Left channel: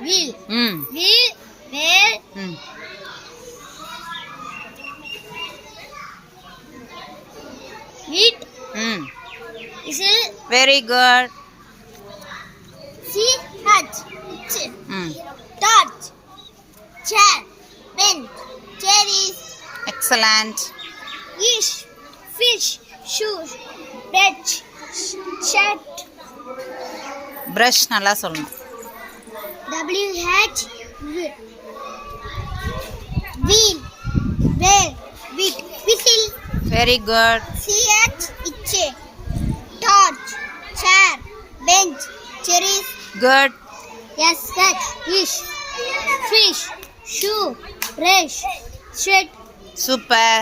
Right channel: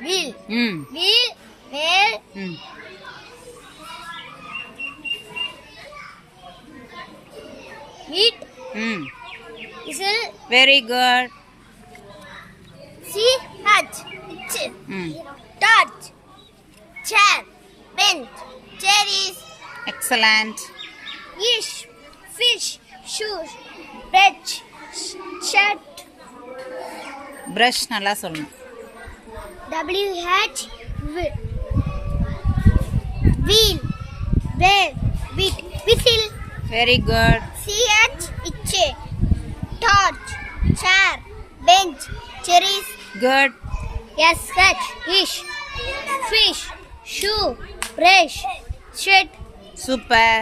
Wheel. Wheel. Whale. Wheat. Whistle. Very good. Hatch. Torch. Chair. Bench. Cherries. Excellent. Fish. Shoes. Bed. Shirt. Brush நல்லா சொல்லணும். WH. Wheel. Whale. Wheat. Whistle. Very good. CH. Itche. Torch. Chair. Bench. Cherries. Good. SH. Fish. Shoe. Brush. Shirt. Super.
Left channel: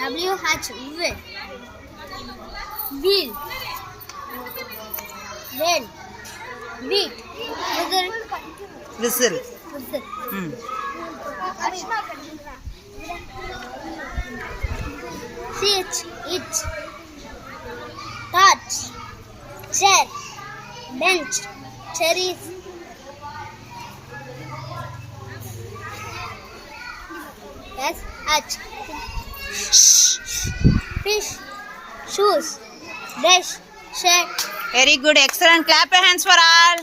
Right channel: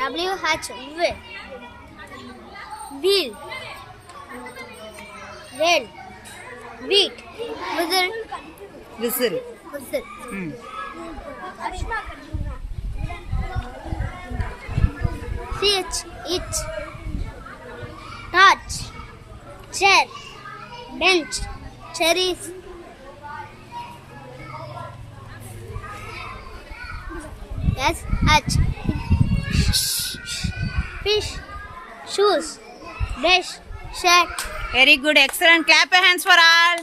WH. Wheel. Whale. Wheat. Whistle. CH. It. Torch. Chair. Bench. Cherries. SH. Fish. Shoes. Brush. Shirt. Very good. Excellent. Clap your hands for all.